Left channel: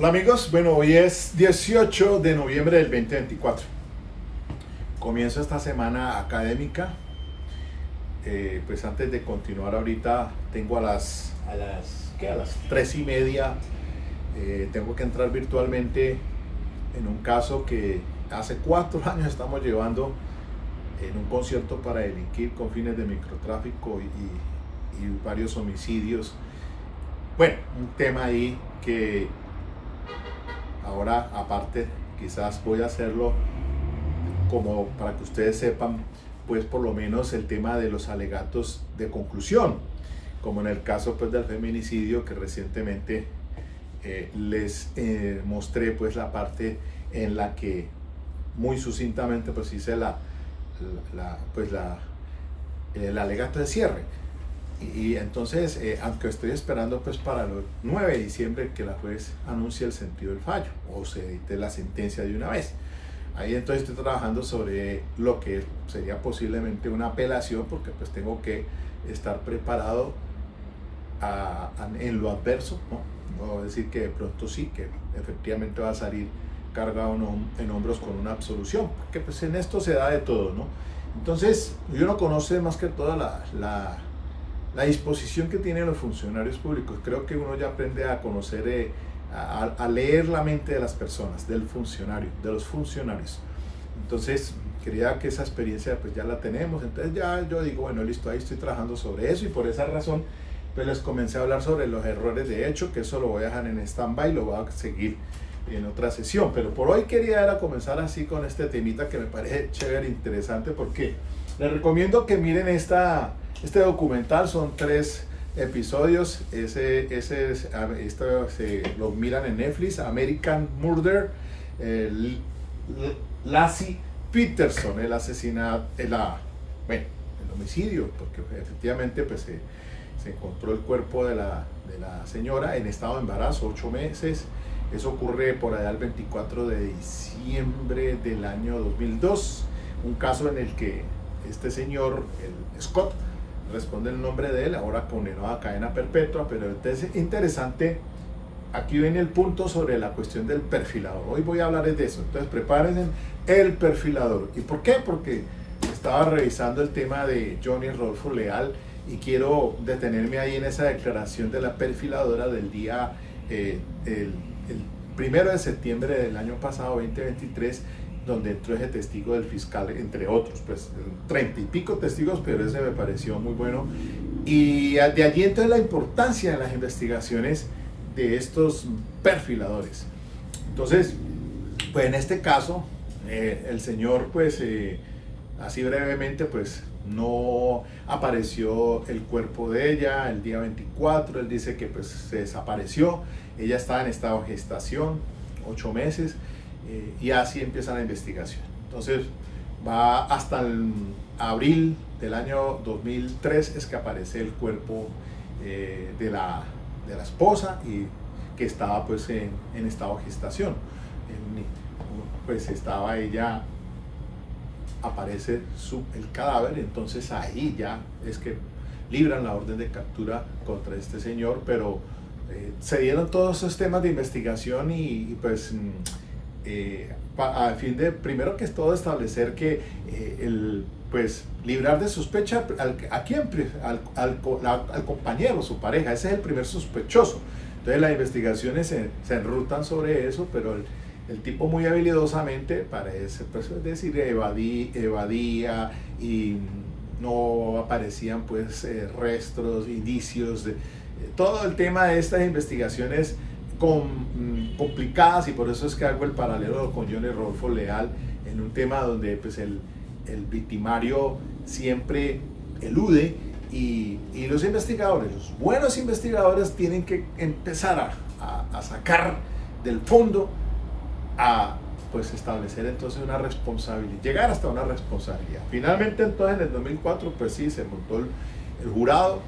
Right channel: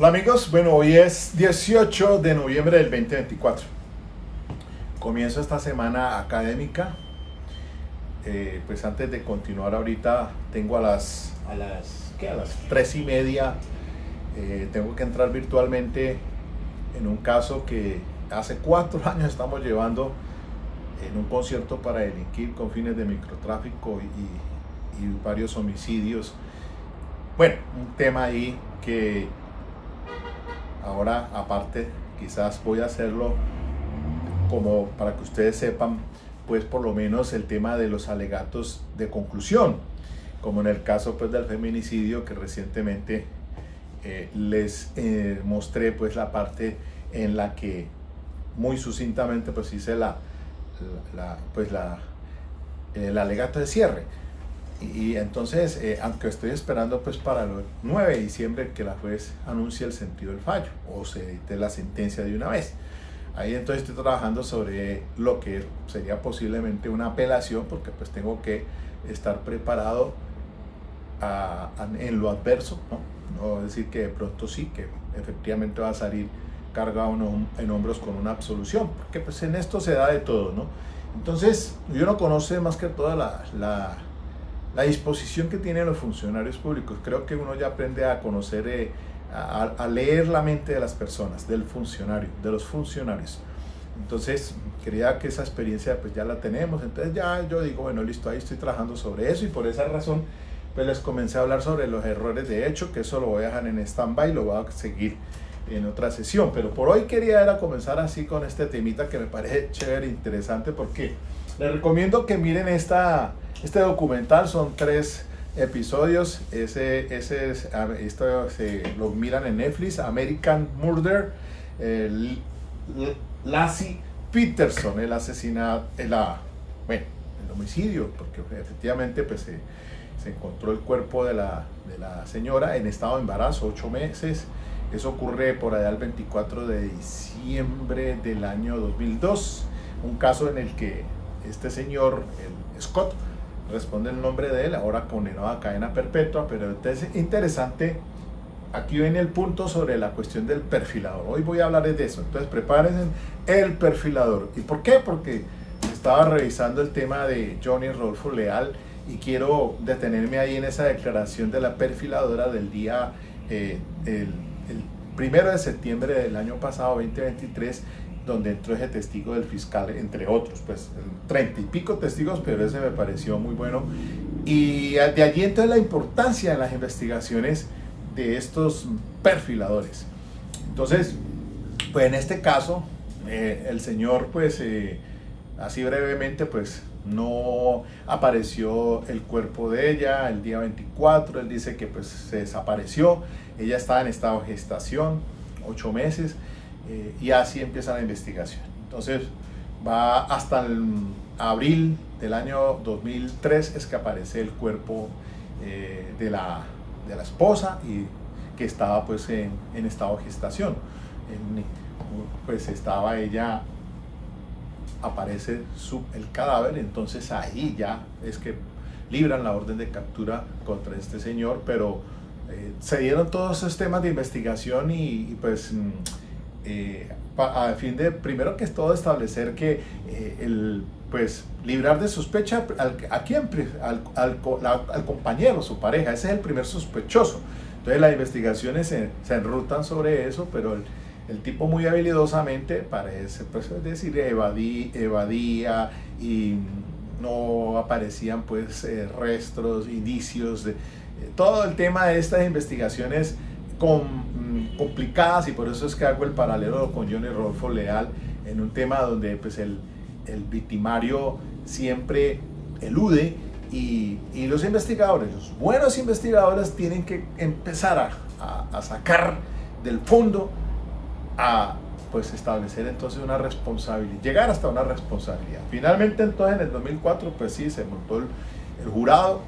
Hola amigos, bueno, hoy es 18 de noviembre del 2024. Comienzo esta semana académica. Pues antes de continuar ahorita tengo a las 3:30 tengo que entrar virtualmente en un caso que hace 4 años estamos llevando en un concierto para delinquir con fines de microtráfico y varios homicidios. Bueno, un tema ahí que ahora aparte quizás voy a hacerlo como para que ustedes sepan, pues por lo menos el tema de los alegatos de conclusión, como en el caso pues del feminicidio que recientemente les mostré pues la parte en la que muy sucintamente pues hice el alegato de cierre. Y entonces, aunque estoy esperando pues para el 9 de diciembre que la juez anuncie el sentido del fallo o se dicte la sentencia de una vez, ahí entonces estoy trabajando sobre lo que sería posiblemente una apelación, porque pues tengo que estar preparado en lo adverso, no decir que de pronto sí, que efectivamente va a salir cargado en hombros con una absolución, porque pues en esto se da de todo, ¿no? Entonces uno conoce más que toda la disposición que tienen los funcionarios públicos. Creo que uno ya aprende a conocer, a leer la mente de las personas, del funcionario, de los funcionarios. Entonces quería que esa experiencia pues ya la tenemos. Entonces ya yo digo, bueno, listo, ahí estoy trabajando sobre eso, y por esa razón pues les comencé a hablar sobre los errores de hecho, que eso lo voy a dejar en stand-by, lo voy a seguir en otra sesión. Pero por hoy quería comenzar así con este temita que me parece chévere, interesante, porque les recomiendo que miren este documental. Son 3 episodios. Esto lo miran en Netflix, American Murder, Laci Peterson, el asesinato, el homicidio, porque efectivamente pues se encontró el cuerpo de la señora en estado de embarazo, 8 meses. Eso ocurre por allá el 24 de diciembre del año 2002, un caso en el que este señor, el Scott, responde el nombre de él, ahora condenado a cadena perpetua. Pero entonces interesante, aquí viene el punto sobre la cuestión del perfilador. Hoy voy a hablar de eso, entonces prepárense, el perfilador. ¿Y por qué? Porque estaba revisando el tema de Johnny Rodolfo Leal y quiero detenerme ahí en esa declaración de la perfiladora del día, el 1 de septiembre del año pasado, 2023, donde entró ese testigo del fiscal, entre otros, pues 30 y pico testigos, pero ese me pareció muy bueno. Y de allí entonces la importancia de las investigaciones de estos perfiladores. Entonces, pues en este caso, el señor, pues así brevemente, pues no apareció el cuerpo de ella el día 24, él dice que pues se desapareció, ella estaba en estado de gestación, 8 meses, y así empieza la investigación. Entonces va hasta el abril del año 2003 es que aparece el cuerpo de la esposa, y que estaba pues en estado de gestación. Pues estaba ella, aparece el cadáver. Entonces ahí ya es que libran la orden de captura contra este señor, pero se dieron todos esos temas de investigación y pues a fin de, primero que todo, establecer que pues librar de sospecha al compañero, su pareja. Ese es el primer sospechoso. Entonces las investigaciones se enrutan sobre eso, pero el tipo muy habilidosamente parece, pues, es decir, evadía y no aparecían pues restos, indicios de todo el tema de estas investigaciones complicadas. Y por eso es que hago el paralelo con Johnny Rodolfo Leal en un tema donde pues el victimario siempre elude, y los investigadores, los buenos investigadores, tienen que empezar a sacar del fondo, a pues establecer entonces una responsabilidad, llegar hasta una responsabilidad. Finalmente entonces en el 2004 pues sí, se montó el jurado,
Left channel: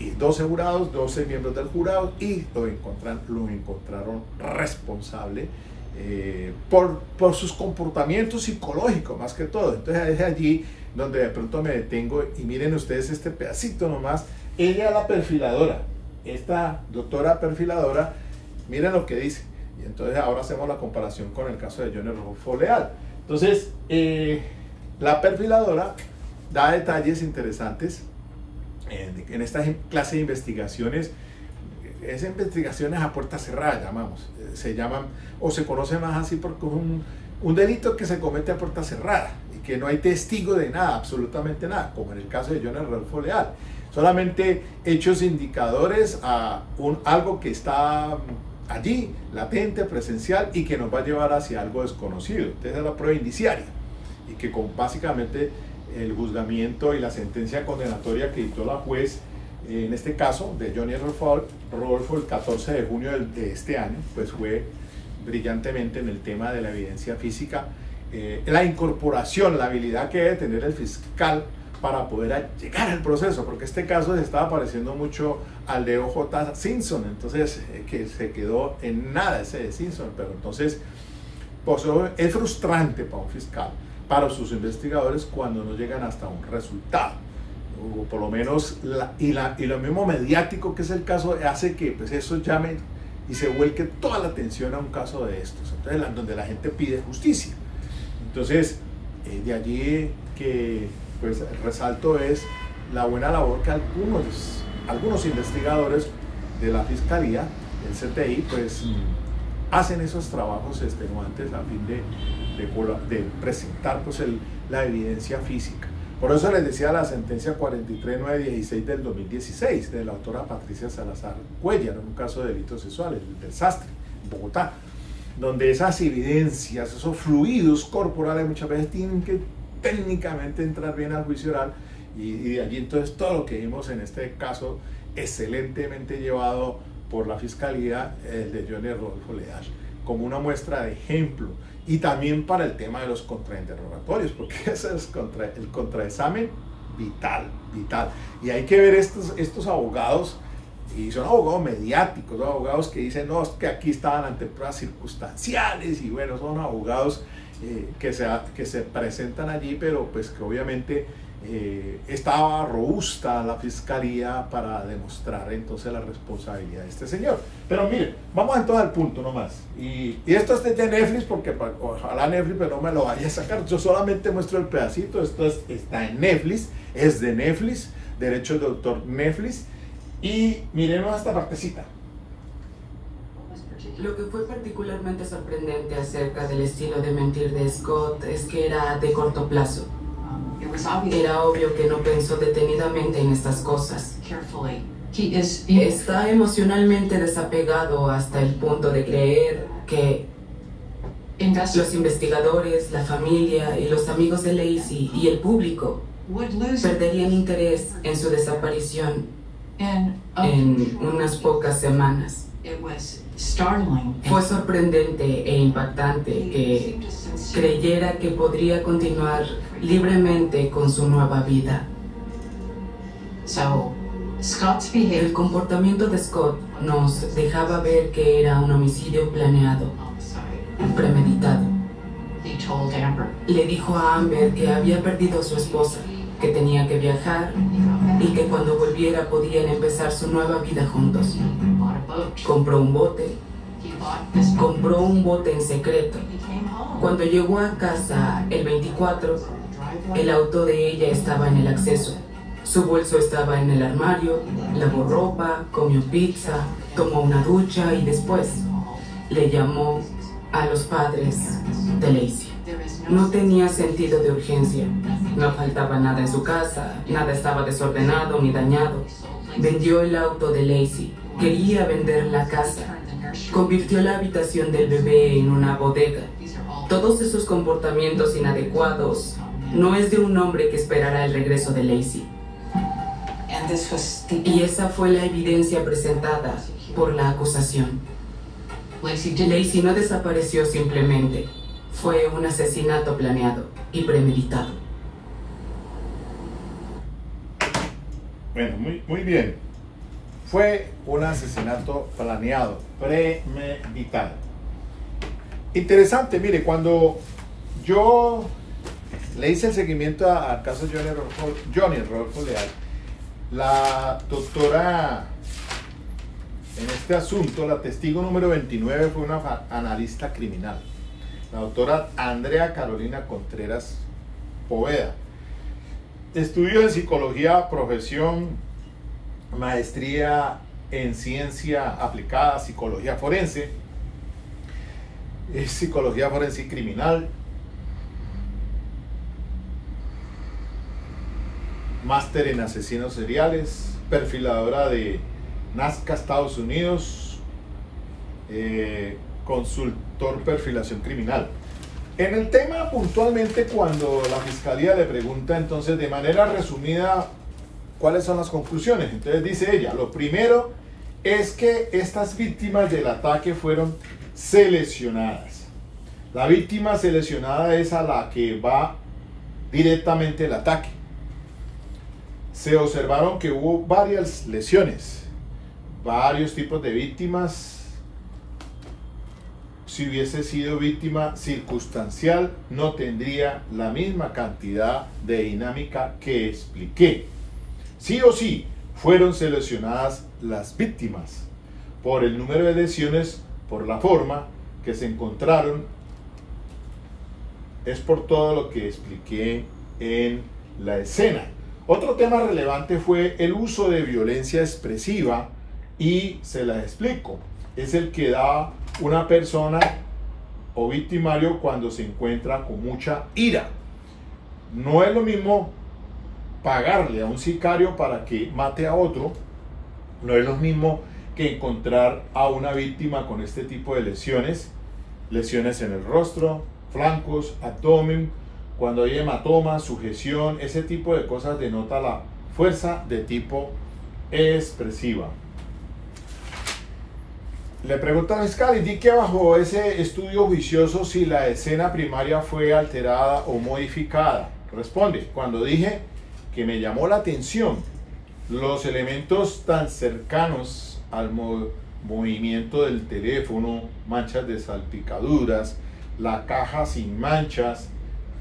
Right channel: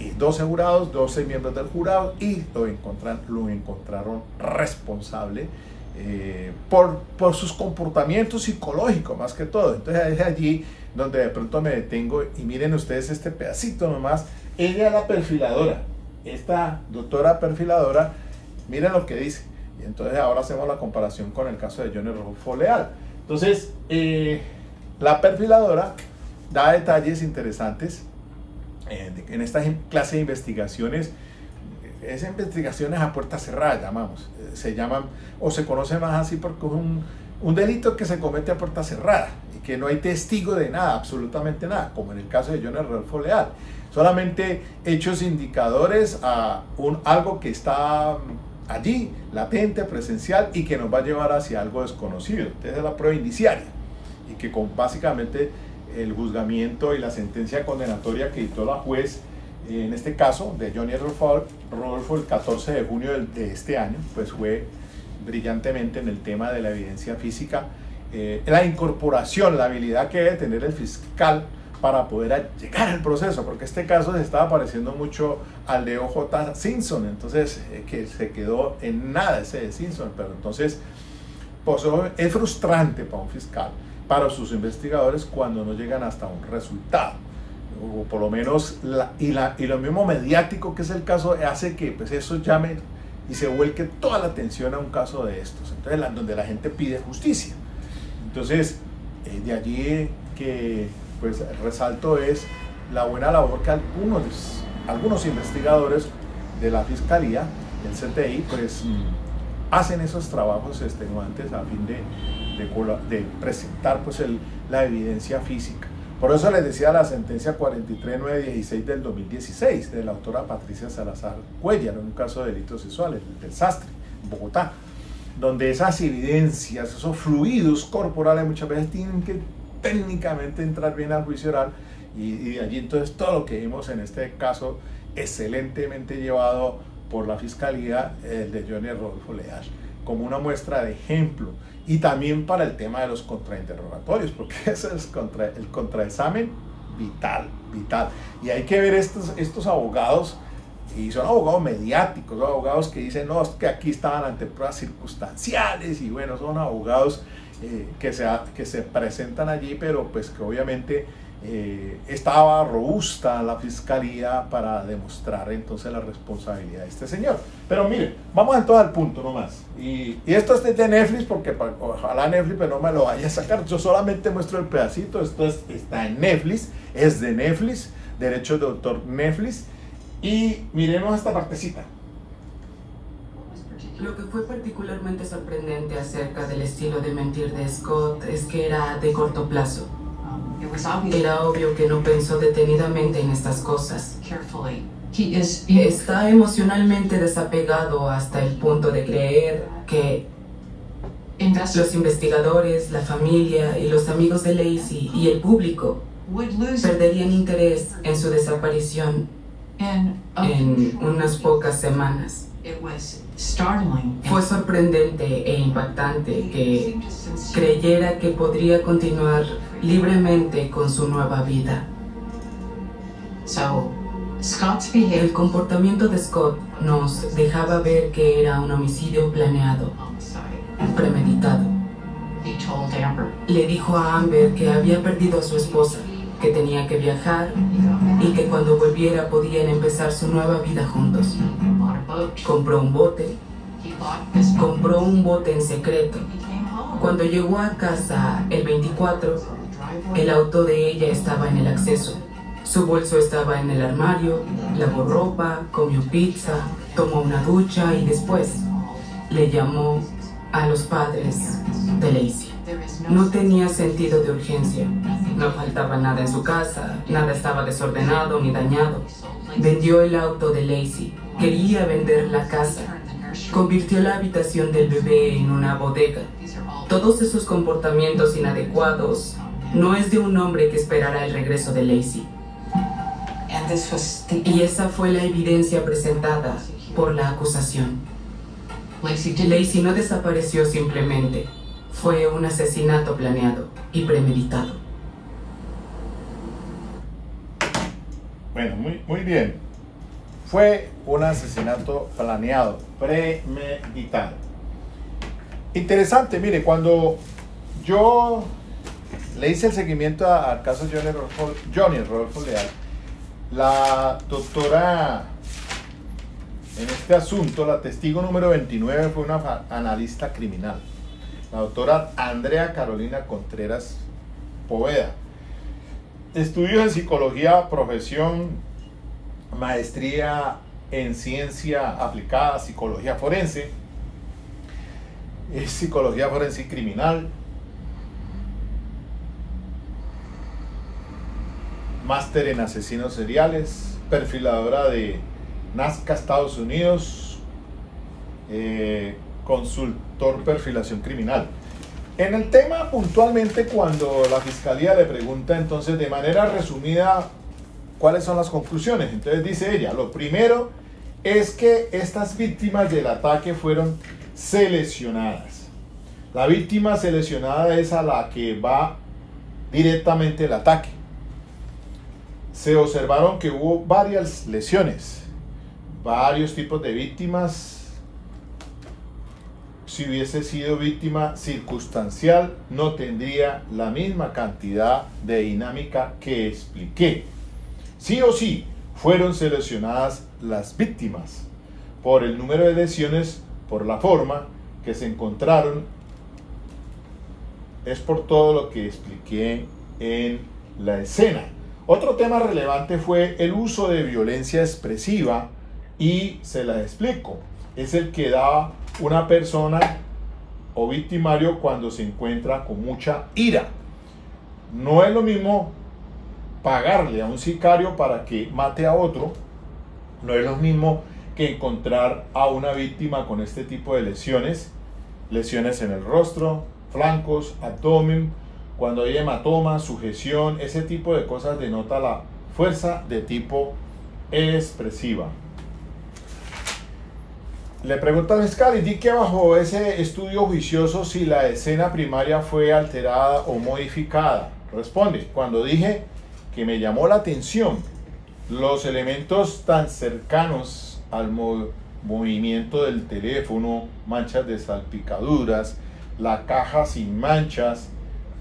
y 12 jurados, 12 miembros del jurado, y lo encontraron responsable por sus comportamientos psicológicos más que todo. Entonces es allí donde de pronto me detengo, y miren ustedes este pedacito nomás. Ella es la perfiladora, esta doctora perfiladora, miren lo que dice: Y entonces ahora hacemos la comparación con el caso de Johnny Rodolfo Leal. Entonces, la perfiladora da detalles interesantes en esta clase de investigaciones. Esas investigaciones a puerta cerrada, llamamos, se llaman, o se conocen más así porque es un delito que se comete a puerta cerrada y que no hay testigo de nada, absolutamente nada, como en el caso de Johnny Rodolfo Leal. Solamente hechos indicadores a algo que está allí, latente, presencial, y que nos va a llevar hacia algo desconocido. Esa es la prueba indiciaria, y que básicamente el juzgamiento y la sentencia condenatoria que dictó la juez, en este caso de Johnny Rodolfo, el 14 de junio de este año, pues fue brillantemente en el tema de la evidencia física, la incorporación, la habilidad que debe tener el fiscal para poder llegar al proceso, porque este caso se estaba pareciendo mucho al de O.J. Simpson, entonces que se quedó en nada ese de Simpson, pero entonces pues, es frustrante para un fiscal, para sus investigadores, cuando no llegan hasta un resultado, o por lo menos y lo mismo mediático que es el caso hace que pues eso llame y se vuelque toda la atención a un caso de estos, entonces donde la gente pide justicia. Entonces de allí que pues resalto es la buena labor que algunos investigadores de la Fiscalía, del CTI, pues hacen esos trabajos extenuantes a fin de presentar pues la evidencia física. Por eso les decía la sentencia 43916 del 2016 de la autora Patricia Salazar Cuellar, en un caso de delitos sexuales del Sastre, en Bogotá, donde esas evidencias, esos fluidos corporales muchas veces tienen que técnicamente entrar bien al juicio oral, y de allí entonces todo lo que vimos en este caso excelentemente llevado por la Fiscalía, el de Johnny Rodolfo Leal, como una muestra de ejemplo, y también para el tema de los contrainterrogatorios, porque ese es el contraexamen vital, y hay que ver estos abogados, y son abogados mediáticos, son abogados que dicen, no, es que aquí estaban ante pruebas circunstanciales, y bueno, son abogados que se presentan allí, pero pues que obviamente estaba robusta la Fiscalía para demostrar entonces la responsabilidad de este señor. Pero miren, vamos entonces al punto nomás, y esto es de Netflix, porque ojalá Netflix pero no me lo vaya a sacar, yo solamente muestro el pedacito. Esto está en Netflix, es de Netflix, derechos de autor Netflix, y miremos esta partecita. Lo que fue particularmente sorprendente acerca del estilo de mentir de Scott es que era de corto plazo. Era obvio que no pensó detenidamente en estas cosas. Está emocionalmente desapegado hasta el punto de creer que los investigadores, la familia y los amigos de Lacey y el público perderían interés en su desaparición en unas pocas semanas. Fue sorprendente e impactante que creyera que podría continuar libremente con su nueva vida. El comportamiento de Scott nos dejaba ver que era un homicidio planeado, premeditado. Le dijo a Amber que había perdido a su esposa, que tenía que viajar y que cuando volviera podían empezar su nueva vida juntos. Compró un bote en secreto. Cuando llegó a casa el 24, el auto de ella estaba en el acceso. Su bolso estaba en el armario, lavó ropa, comió pizza, tomó una ducha y después le llamó a los padres de Lacey. No tenía sentido de urgencia. No faltaba nada en su casa, nada estaba desordenado ni dañado. Vendió el auto de Lacey. Quería vender la casa. Convirtió la habitación del bebé en una bodega. Todos esos comportamientos inadecuados no es de un hombre que esperara el regreso de Lacey. Y esa fue la evidencia presentada por la acusación. Lacey no desapareció simplemente. Fue un asesinato planeado y premeditado. Bueno, muy bien. Fue un asesinato planeado, premeditado. Interesante, mire, cuando yo le hice el seguimiento al caso Johnny Rodolfo Leal, la doctora en este asunto, la testigo número 29 fue una analista criminal, la doctora Andrea Carolina Contreras Poveda. Estudios en psicología, profesión, maestría en ciencia aplicada, psicología forense, es psicología forense criminal, máster en asesinos seriales, perfiladora de Nazca, Estados Unidos, consultor perfilación criminal. En el tema, puntualmente, cuando la fiscalía le pregunta, entonces, de manera resumida, ¿cuáles son las conclusiones? Entonces dice ella, lo primero es que estas víctimas del ataque fueron seleccionadas. La víctima seleccionada es a la que va directamente el ataque. Se observaron que hubo varias lesiones, varios tipos de víctimas. Si hubiese sido víctima circunstancial, no tendría la misma cantidad de dinámica que expliqué. Sí o sí, fueron seleccionadas las víctimas por el número de lesiones, por la forma que se encontraron. Es por todo lo que expliqué en la escena. Otro tema relevante fue el uso de violencia expresiva y se la explico. Es el que da una persona o victimario cuando se encuentra con mucha ira. No es lo mismo pagarle a un sicario para que mate a otro, no es lo mismo que encontrar a una víctima con este tipo de lesiones, lesiones en el rostro, flancos, abdomen, cuando hay hematoma, sujeción, ese tipo de cosas denota la fuerza de tipo expresiva. Le pregunta al fiscal, indique bajo ese estudio juicioso si la escena primaria fue alterada o modificada. Responde, cuando dije que me llamó la atención los elementos tan cercanos al movimiento del teléfono, manchas de salpicaduras, la caja sin manchas,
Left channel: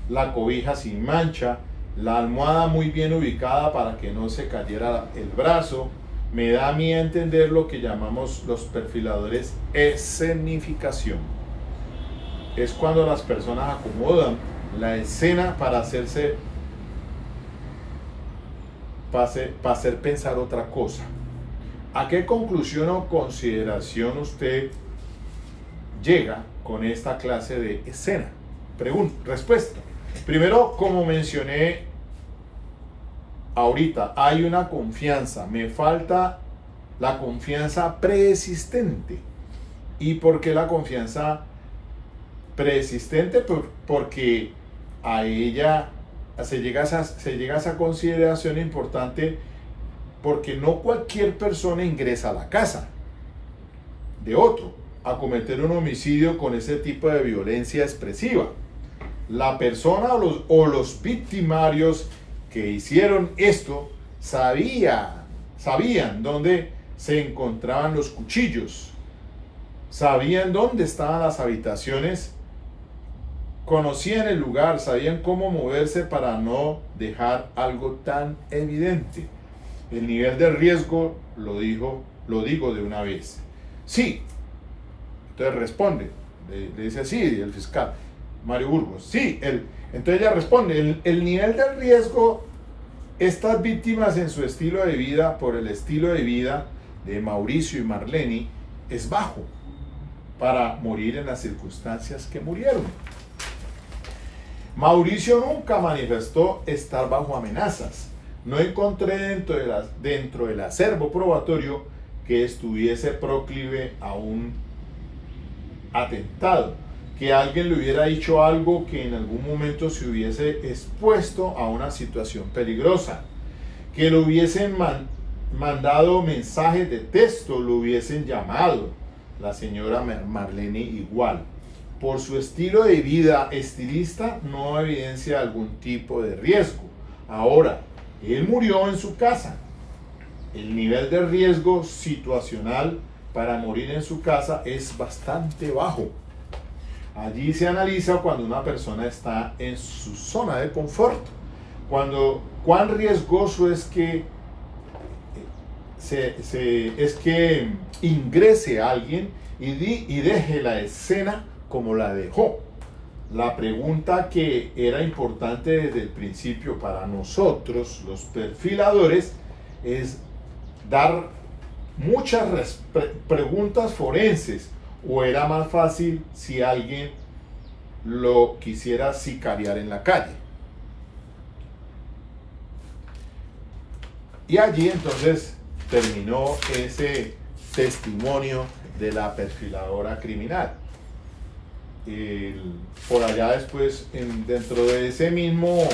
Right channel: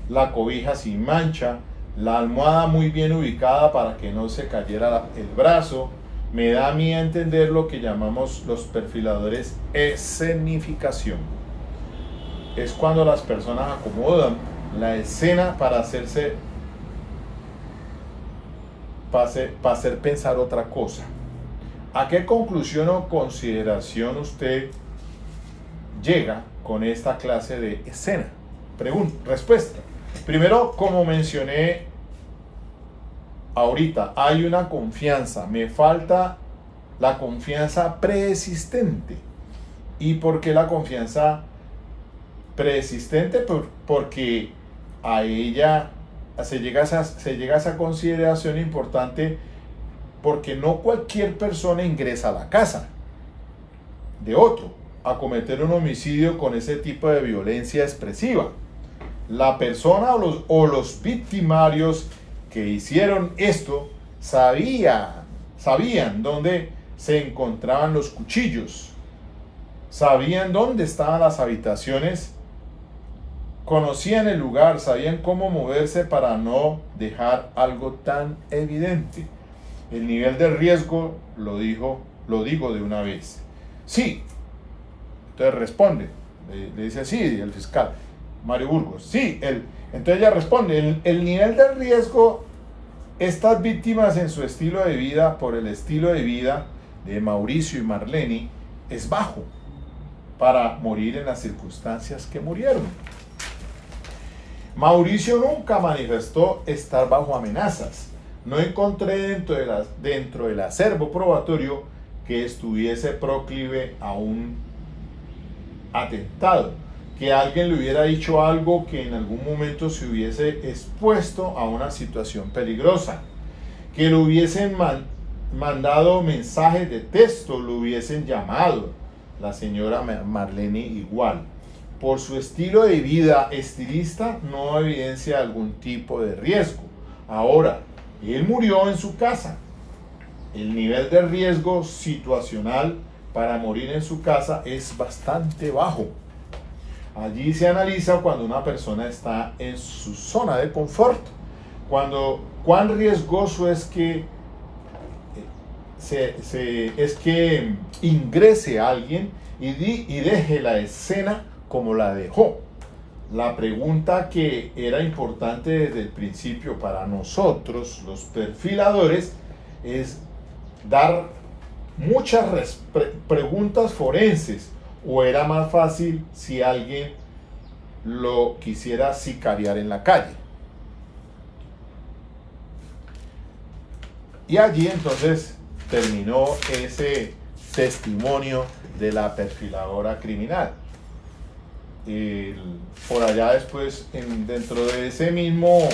la cobija sin mancha, la almohada muy bien ubicada para que no se cayera el brazo, me da a mí a entender lo que llamamos los perfiladores escenificación. Es cuando las personas acomodan la escena para hacer pensar otra cosa. ¿A qué conclusión o consideración usted llega con esta clase de escena? Respuesta. Primero, como mencioné ahorita, hay una confianza, me falta la confianza preexistente. ¿Y por qué la confianza preexistente? Porque a ella se llega a esa consideración importante, porque no cualquier persona ingresa a la casa de otro a cometer un homicidio con ese tipo de violencia expresiva. La persona o los victimarios que hicieron esto sabían dónde se encontraban los cuchillos, sabían dónde estaban las habitaciones, conocían el lugar, sabían cómo moverse para no dejar algo tan evidente. El nivel de riesgo lo digo de una vez. Sí, entonces responde, le dice así el fiscal Mario Burgos. Sí, entonces ella responde, el nivel de riesgo, estas víctimas en su estilo de vida, por el estilo de vida de Mauricio y Marlene, es bajo para morir en las circunstancias que murieron. Mauricio nunca manifestó estar bajo amenazas. No encontré dentro del acervo probatorio que estuviese proclive a un atentado, que alguien le hubiera dicho algo que en algún momento se hubiese expuesto a una situación peligrosa, que le hubiesen mandado mensajes de texto, lo hubiesen llamado. La señora Marlene igual. Por su estilo de vida estilista no evidencia algún tipo de riesgo. Ahora, él murió en su casa. El nivel de riesgo situacional para morir en su casa es bastante bajo. Allí se analiza cuando una persona está en su zona de confort, cuán riesgoso es que es que ingrese a alguien y deje la escena como la dejó. La pregunta que era importante desde el principio para nosotros, los perfiladores, es dar muchas preguntas forenses, o era más fácil si alguien lo quisiera sicariar en la calle. Y allí entonces terminó ese testimonio de la perfiladora criminal. Por allá después, dentro de ese mismo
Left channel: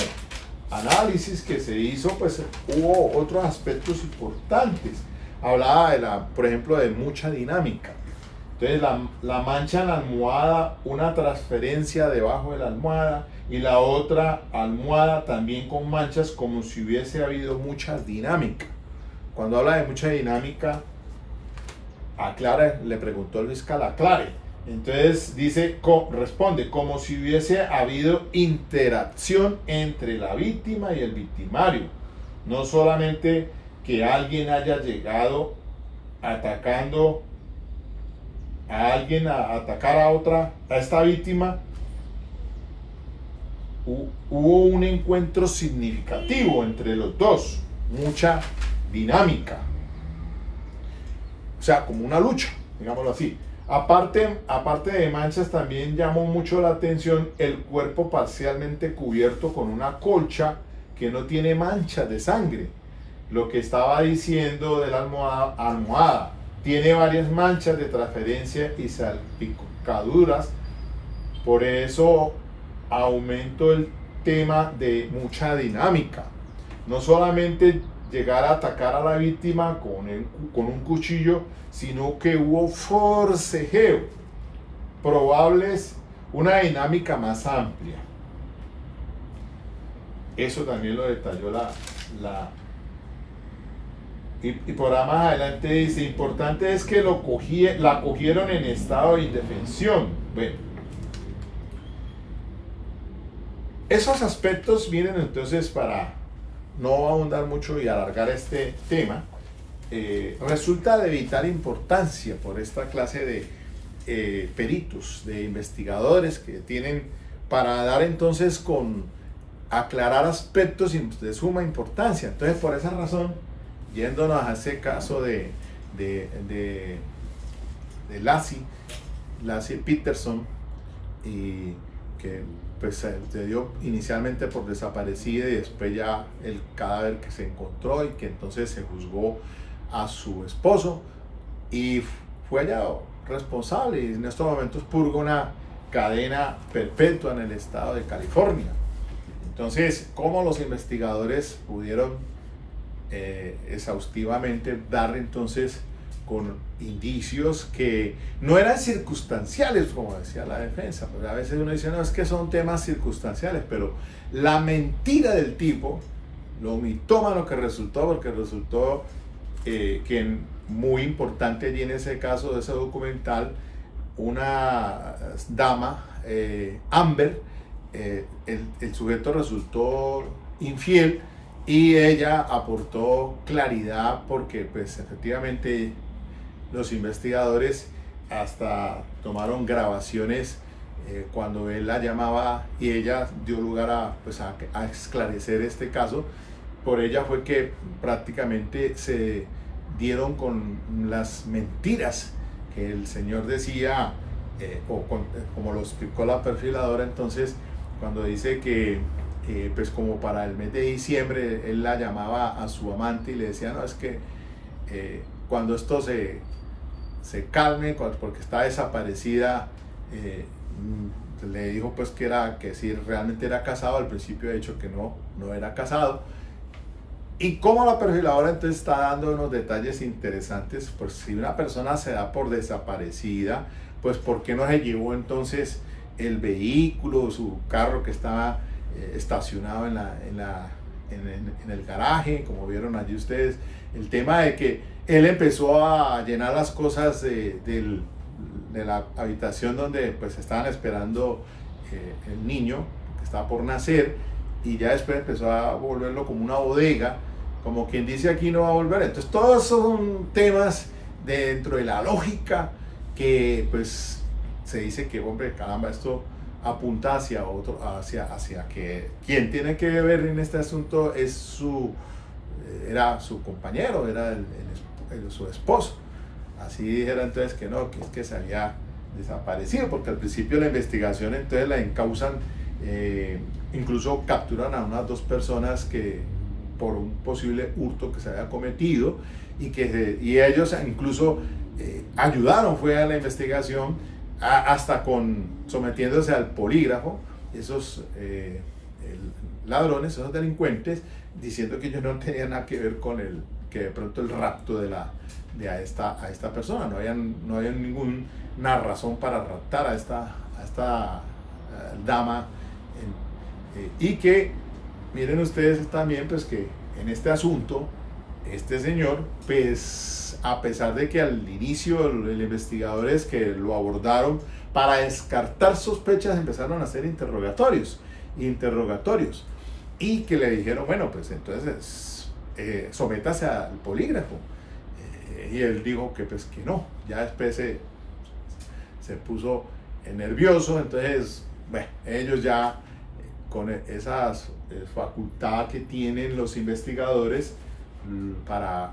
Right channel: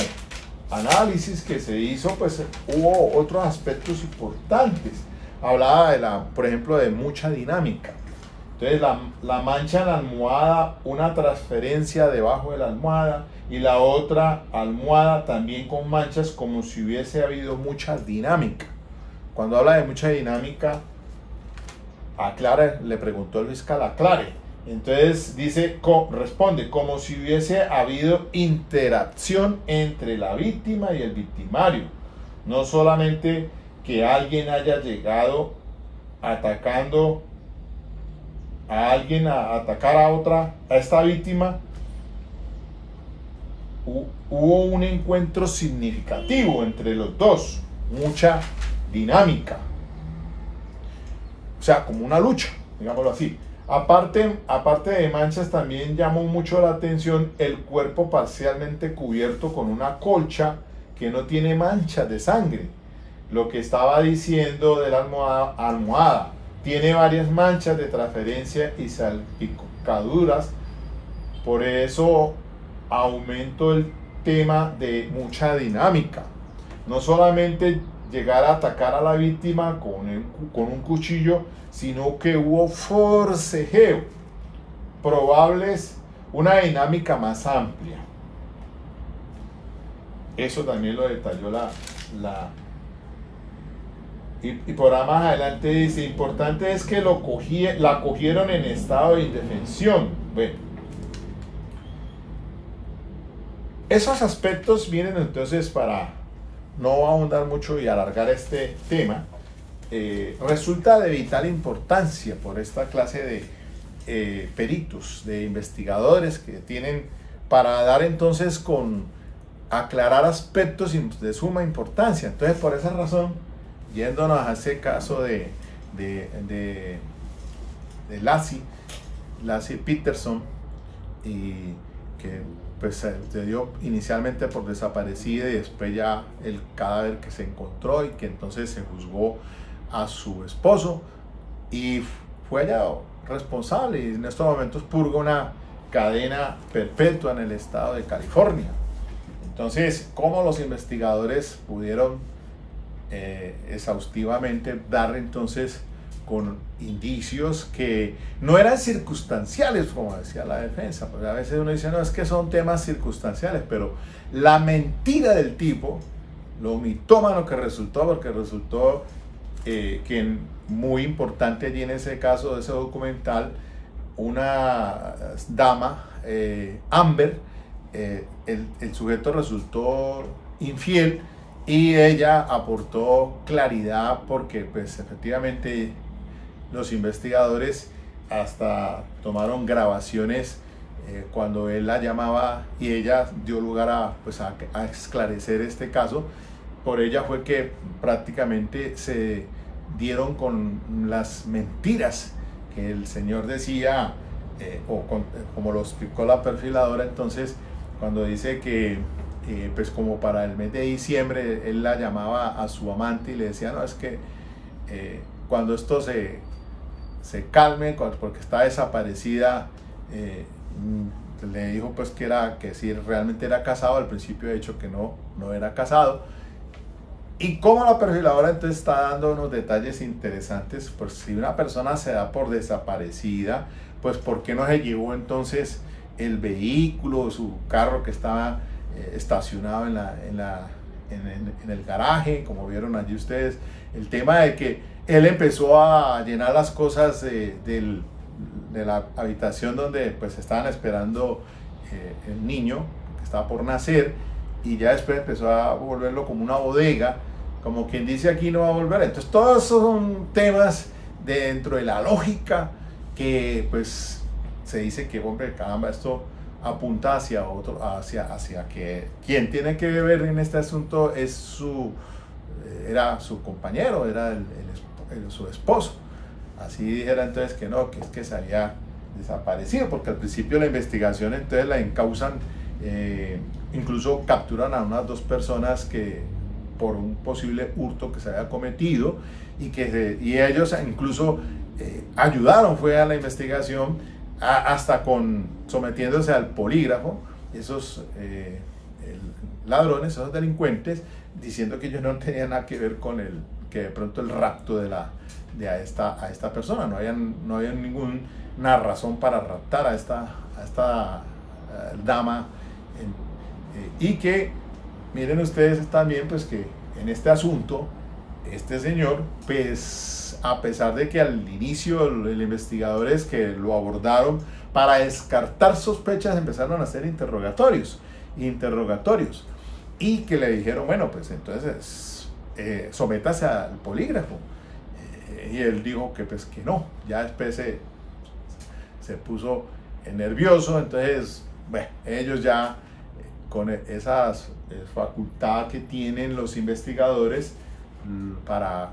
análisis que se hizo, pues hubo otros aspectos importantes. Hablaba por ejemplo, de mucha dinámica. Entonces la mancha en la almohada, una transferencia debajo de la almohada, y la otra almohada también con manchas, como si hubiese habido mucha dinámica. Cuando habla de mucha dinámica, aclare, le preguntó el fiscal, aclare. Entonces responde, como si hubiese habido interacción entre la víctima y el victimario. No solamente que alguien haya llegado atacando a alguien a atacar a esta víctima. Hubo un encuentro significativo entre los dos, mucha dinámica, o sea, como una lucha, digámoslo así. Aparte de manchas, también llamó mucho la atención el cuerpo parcialmente cubierto con una colcha que no tiene manchas de sangre. Lo que estaba diciendo de la almohada tiene varias manchas de transferencia y salpicaduras. Por eso aumento el tema de mucha dinámica. No solamente llegar a atacar a la víctima con un cuchillo, sino que hubo forcejeo, probables una dinámica más amplia. Eso también lo detalló y por ahí más adelante dice, importante es que la cogieron en estado de indefensión. Bueno, esos aspectos vienen entonces, para no ahondar mucho y alargar este tema, resulta de vital importancia por esta clase de peritos, de investigadores que tienen para dar entonces aclarar aspectos de suma importancia. Entonces, por esa razón, yéndonos a ese caso de Laci Peterson, y que pues se dio inicialmente por desaparecida y después ya el cadáver que se encontró, y que entonces se juzgó a su esposo y fue hallado responsable, y en estos momentos purga una cadena perpetua en el estado de California. Entonces, ¿cómo los investigadores pudieron exhaustivamente dar entonces con indicios que no eran circunstanciales, como decía la defensa? Porque a veces uno dice, no, es que son temas circunstanciales, pero la mentira del tipo, lo mitómano que resultó, porque resultó que muy importante allí en ese caso de ese documental, una dama, Amber, el sujeto resultó infiel, y ella aportó claridad, porque pues efectivamente los investigadores hasta tomaron grabaciones cuando él la llamaba, y ella dio lugar a esclarecer este caso. Por ella fue que prácticamente se dieron con las mentiras que el señor decía, como lo explicó la perfiladora. Entonces, cuando dice que pues como para el mes de diciembre él la llamaba a su amante y le decía, no, es que cuando esto se calme, porque está desaparecida, le dijo pues que si realmente era casado. Al principio, de hecho, que no era casado. Y como la perfiladora entonces está dando unos detalles interesantes. Pues si una persona se da por desaparecida, pues ¿por qué no se llevó entonces el vehículo, su carro que estaba estacionado en el garaje, como vieron allí ustedes? El tema de que él empezó a llenar las cosas de la habitación donde pues estaban esperando el niño que estaba por nacer, y ya después empezó a volverlo como una bodega, como quien dice aquí no va a volver. Entonces todos esos son temas dentro de la lógica que pues se dice que, hombre, caramba, esto apunta hacia otro, hacia que quien tiene que ver en este asunto es era su compañero, era su esposo. Así dijera entonces que no, que es que se había desaparecido, porque al principio de la investigación entonces la encausan, incluso capturan a unas 2 personas que por un posible hurto que se había cometido y ellos incluso ayudaron, fue a la investigación hasta sometiéndose al polígrafo, esos ladrones, esos delincuentes, diciendo que ellos no tenían nada que ver con que de pronto el rapto a esta persona, no había ninguna razón para raptar a esta dama, y que miren ustedes también pues que en este asunto este señor, pues a pesar de que al inicio los investigadores que lo abordaron para descartar sospechas empezaron a hacer interrogatorios y que le dijeron, bueno, pues entonces sométase al polígrafo, y él dijo que pues que no, ya después se puso nervioso. Entonces bueno, ellos ya con esas facultad que tienen los investigadores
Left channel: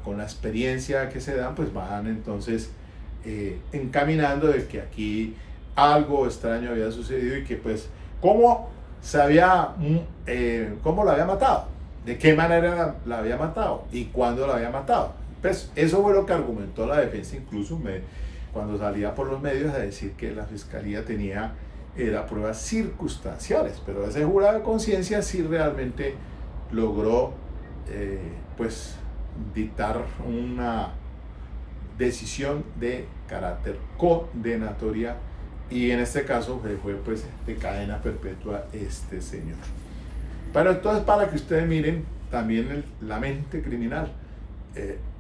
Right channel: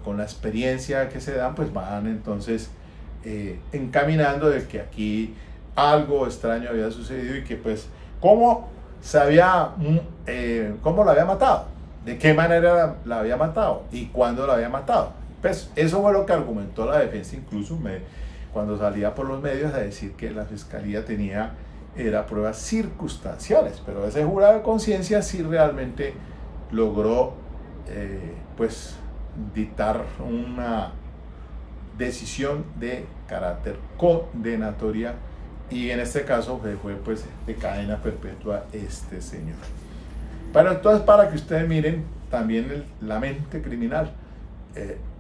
con la experiencia que se dan, pues van entonces encaminando de que aquí algo extraño había sucedido y que pues cómo la había matado, de qué manera la había matado y cuándo la había matado. Pues eso fue lo que argumentó la defensa, incluso cuando salía por los medios a decir que la fiscalía era pruebas circunstanciales, pero ese jurado de conciencia sí realmente logró pues dictar una decisión de carácter condenatoria, y en este caso fue pues de cadena perpetua este señor. Pero entonces, para que ustedes miren también la mente criminal,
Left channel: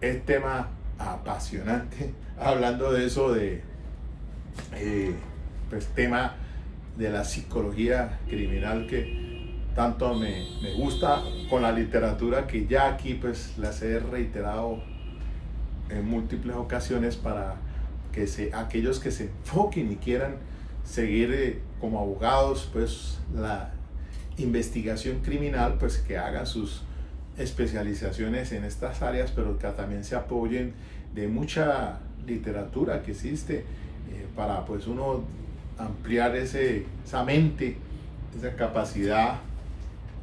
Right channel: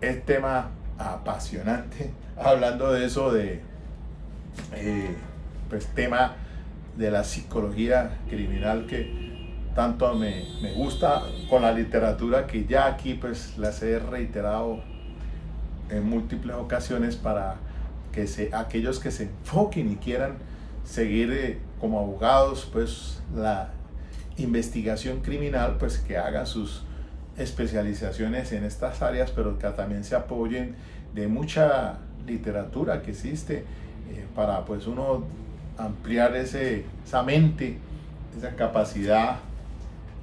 el tema apasionante, hablando de eso, pues tema de la psicología criminal que tanto me gusta, con la literatura que ya aquí pues las he reiterado en múltiples ocasiones, para que aquellos que se enfoquen y quieran seguir como abogados pues la investigación criminal, pues que hagan sus especializaciones en estas áreas, pero que también se apoyen de mucha literatura que existe para pues uno ampliar esa mente, esa capacidad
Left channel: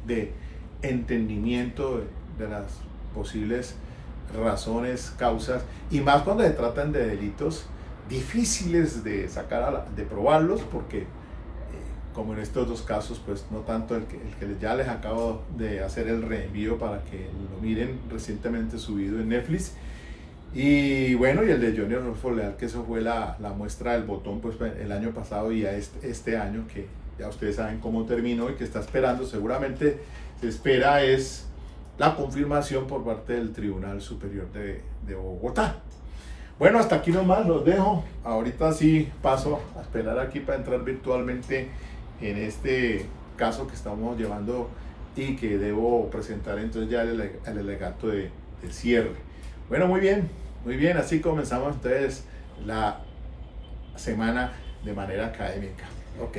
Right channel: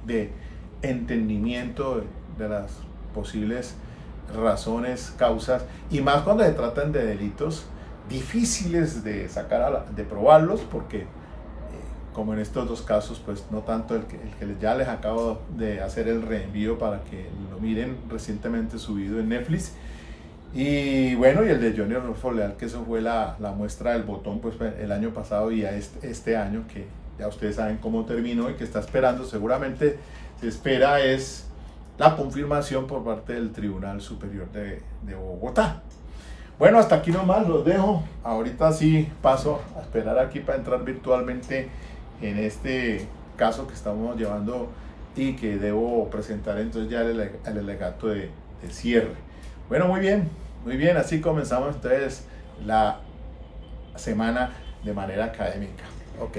de entendimiento de las posibles razones, causas, y más cuando se tratan de delitos difíciles de de probarlos, porque como en estos 2 casos, pues no tanto el que ya les acabo de hacer el reenvío para que lo miren, recientemente subido en Netflix, y bueno, y el de Johnny Rodolfo Leal, que eso fue la muestra del botón pues el año pasado, y a este año que ya ustedes saben cómo terminó y que está esperando, seguramente se espera es la confirmación por parte del Tribunal Superior de Bogotá. Bueno, hasta aquí nomás los dejo. Ahorita sí paso a esperar aquí para entrar virtualmente en este caso que estamos llevando y que debo presentar entonces ya el alegato de cierre. Bueno, muy bien, así comenzamos entonces la semana de manera académica. Ok.